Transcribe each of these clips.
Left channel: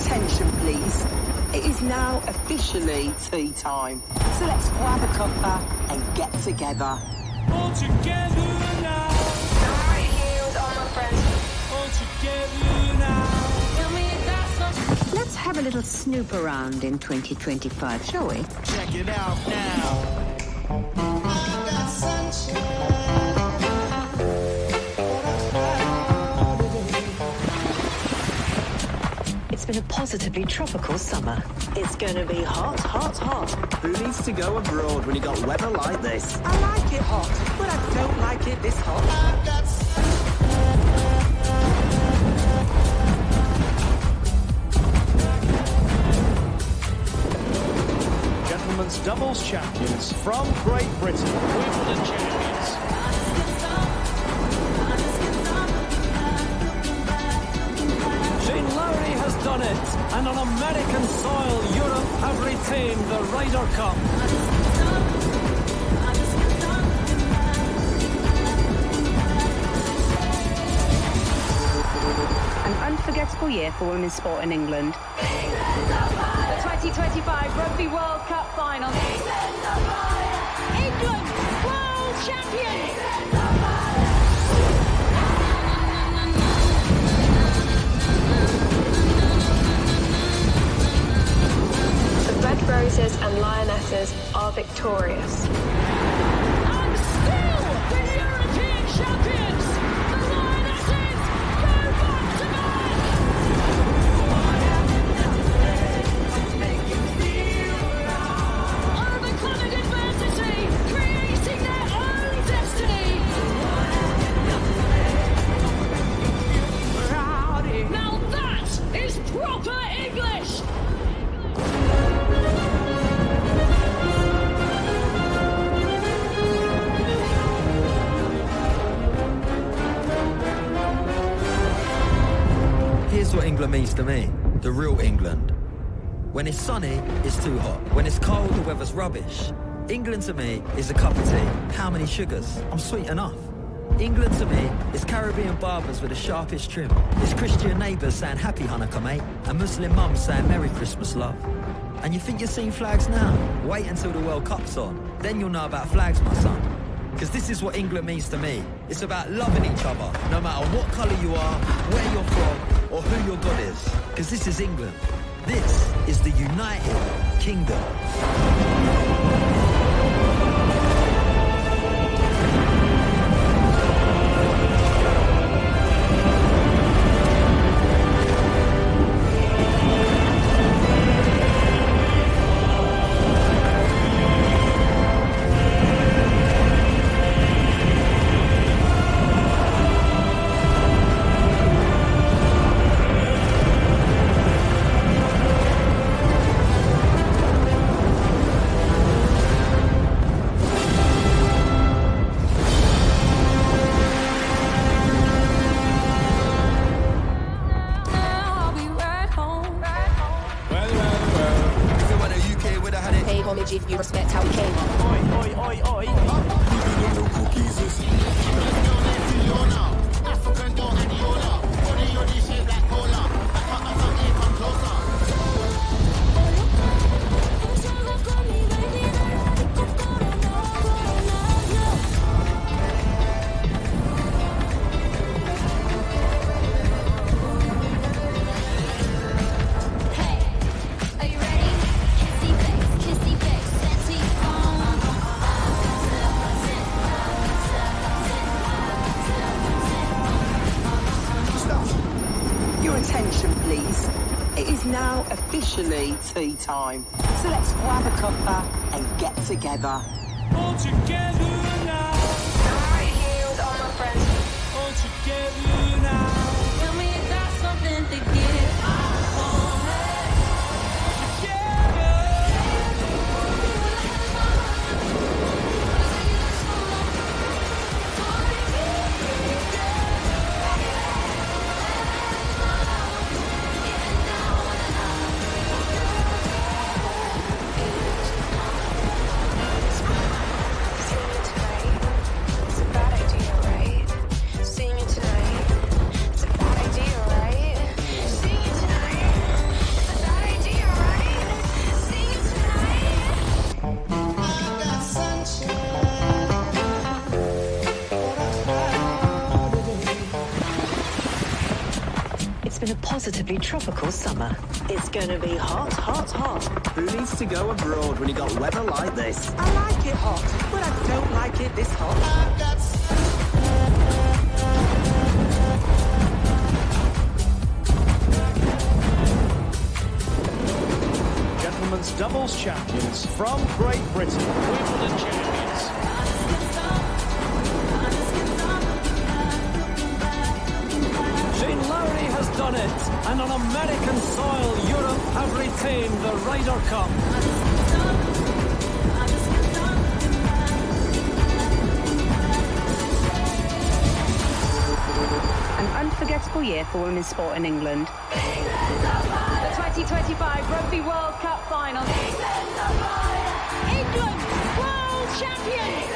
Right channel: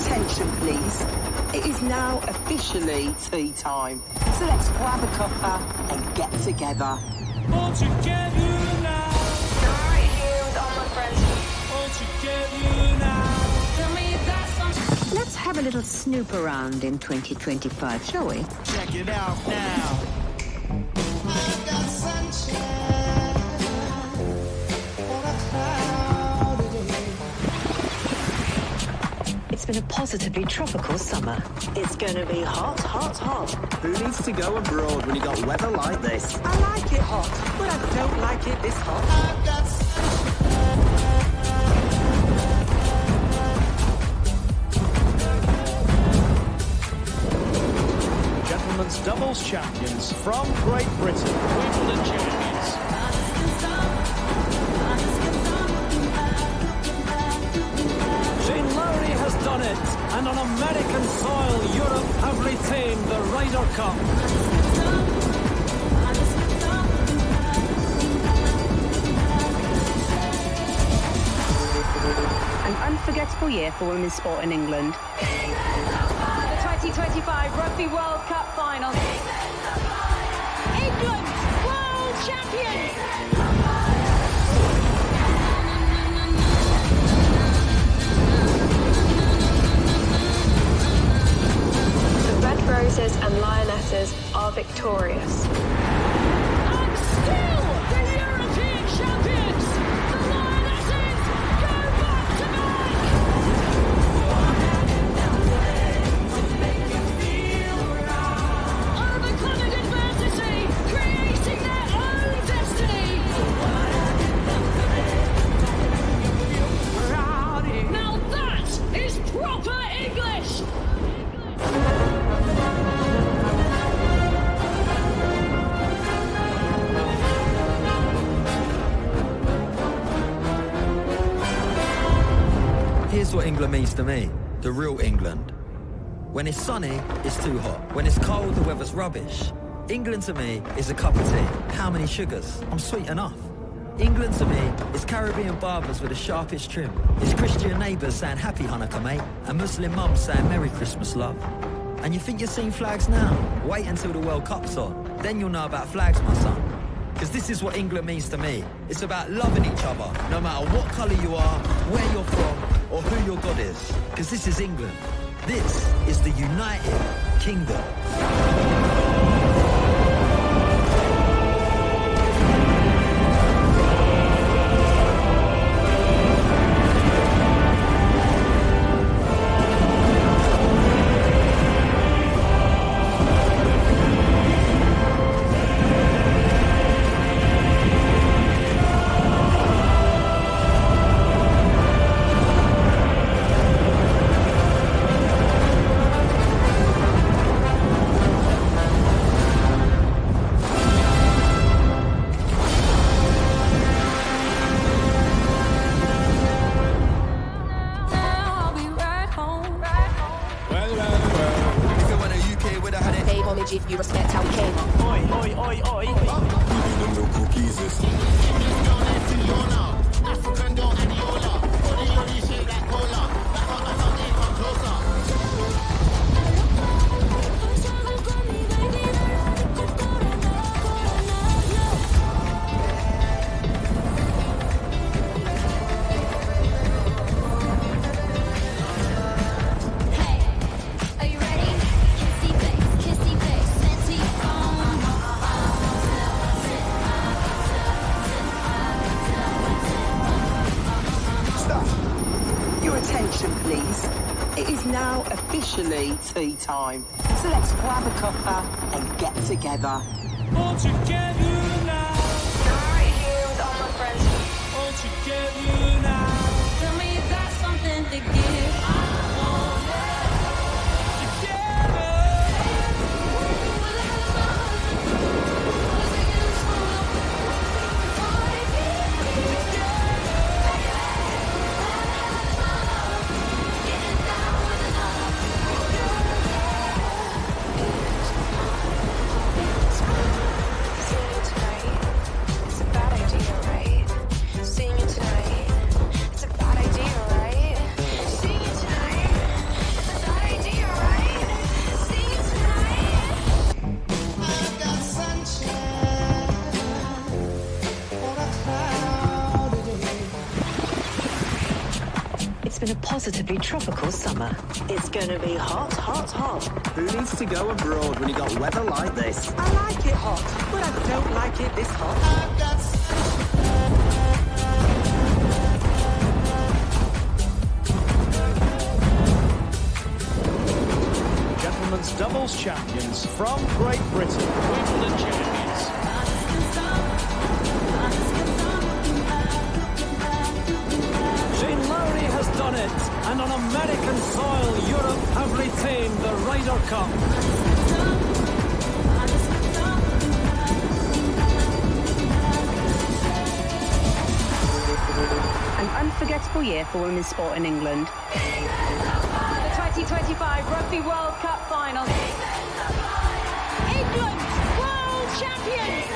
attention, please. It is now officially tea time. So let's grab a cuppa and get together. All together now. I'm right here with all my friends. All together now. Tell me if that's something. Let's have a little snoop around in 2025, shall we? Check it out now. I've got sunshine. It's been a positively tropical summer. It's gonna be hot, hot, hot. Who needs to go abroad when you got weather like this? I like it hot, but I don't like it this hot. I've got Gentlemen's doubles champions from Great Britain. Wimbledon champions. Shane Lowry has done it, and on American soil, Europe have retained the Ryder Cup. An unforgettable year for women's sport in England. The 2025 Rugby World Cup final. England, world champions! The Red Roses and Lionesses are victorious. And still the European champions! The Lionesses go back to back! Overcoming adversity, creating their own destiny! Now that is proper English! Here's what England means to me, the real England. When it's sunny, it's too hot. When it's cold, the weather's rubbish. England to me is a cup of tea. How many sugars? I'm sweet enough. England to me is Caribbean barbers with the sharpest trim. It's Christian neighbours saying happy Hanukkah, mate, and Muslim mums saying Merry Christmas, love. And you think you're seeing flags now? Wait until the World Cup's on. Then you'll know about flags, my son. Because this is what England means to me. It's about loving each other, no matter what colour you are, where you're from, or who your God is. Because this is England. This is the United Kingdom. If you respect how we came. Oi, oi, oi, oi. African dough and Yola. Body yoddy shaped like cola. Back up and here, come closer. Your attention, please. It is now officially tea time. So let's grab a cuppa and get together. All together now. I'm right here with all my friends. All together now. Tell me if that's something to give. Seeing you tonight, it's a bad idea, right? Seeing you tonight, it's a been a positively tropical summer. It's gonna be hot, hot, hot. Who needs to go abroad when you got weather like this? I like it hot, but I don't like it this hot. I've got Gentlemen's doubles champions from Great Britain. Wimbledon champions. Shane Lowry has done it, and on American soil, Europe have retained the Ryder Cup. An unforgettable year for women's sport in England. The 2025 Rugby World Cup final. England, world champions!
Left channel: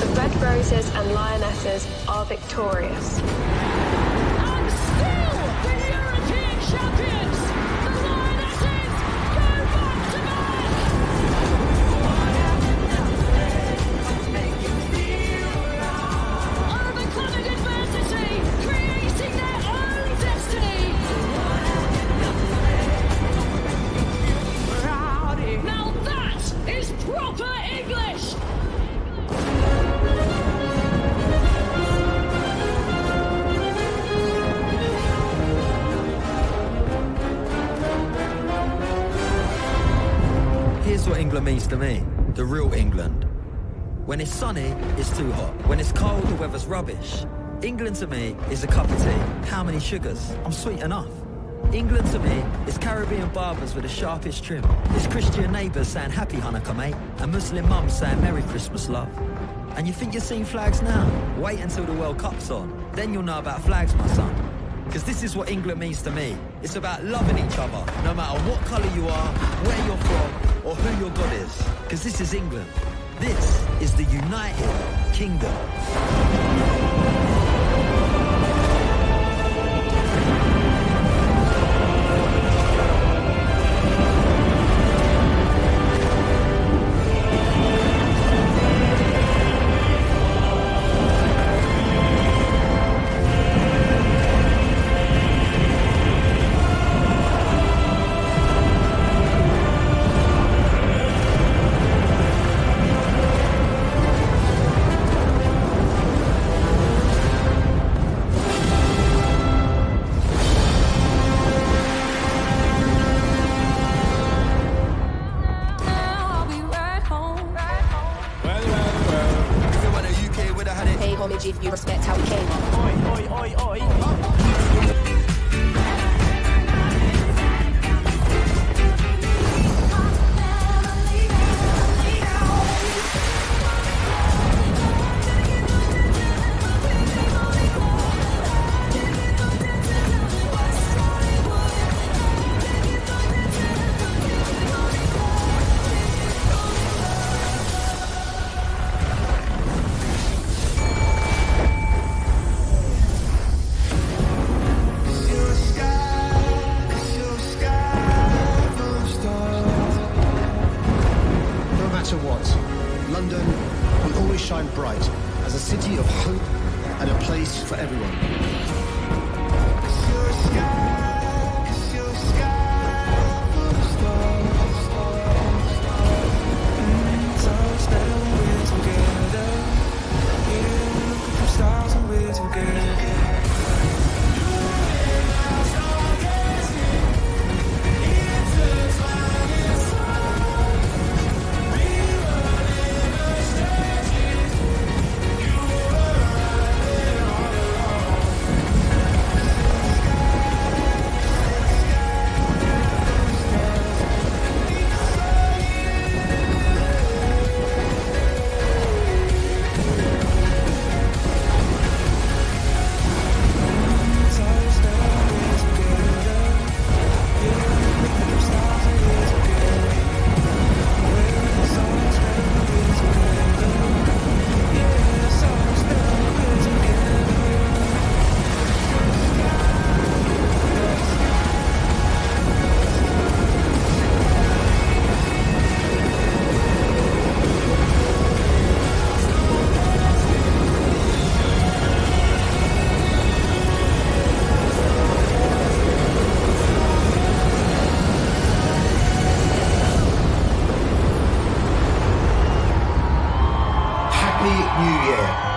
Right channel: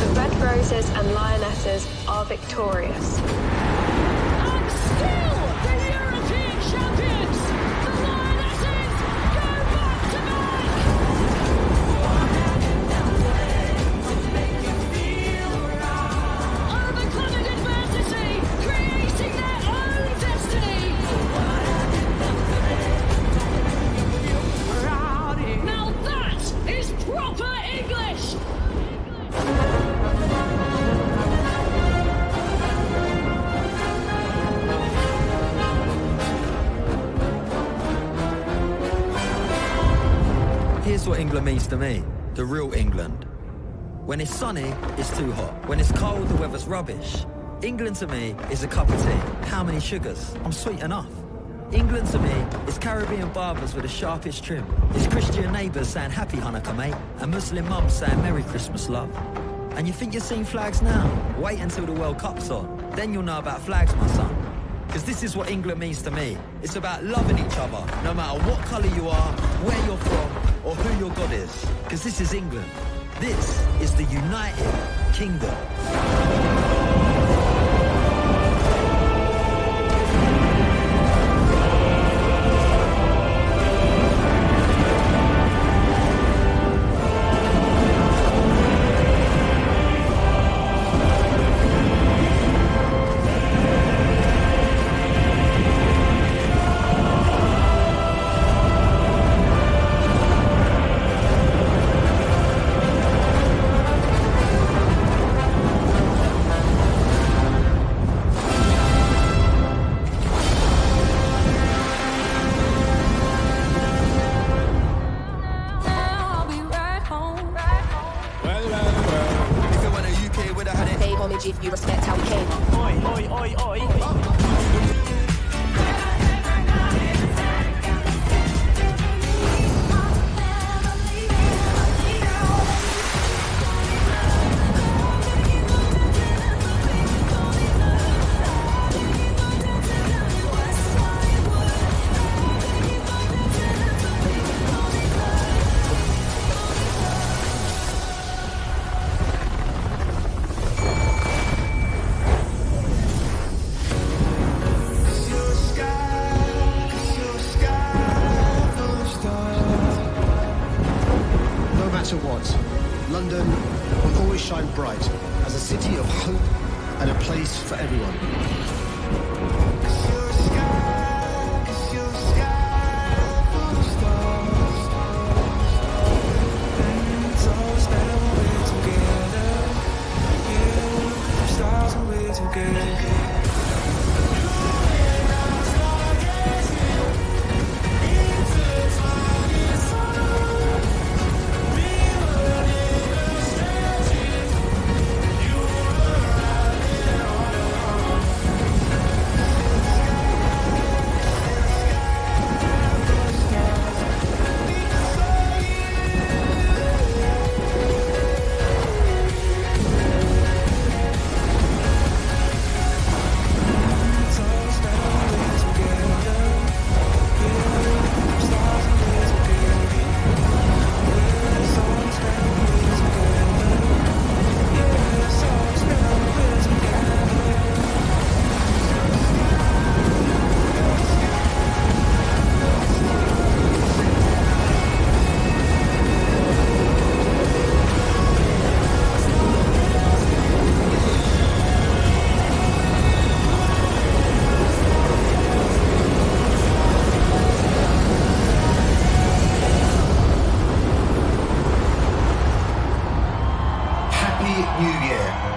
The Red Roses and Lionesses are victorious. And still the European champions! The Lionesses go back to back! Overcoming adversity, creating their own destiny! Now that is proper English! Here's what England means to me, the real England. When it's sunny, it's too hot. When it's cold, the weather's rubbish. England to me is a cup of tea. How many sugars? I'm sweet enough. England to me is Caribbean barbers with the sharpest trim. It's Christian neighbours saying happy Hanukkah, mate, and Muslim mums saying Merry Christmas, love. And you think you're seeing flags now? Wait until the World Cup's on. Then you'll know about flags, my son. Because this is what England means to me. It's about loving each other, no matter what colour you are, where you're from, or who your God is. Because this is England. This is the United Kingdom. If you respect how we came. Oi, oi, oi, oi. London will always shine bright as a city of hope and a place for everyone. Happy New Year.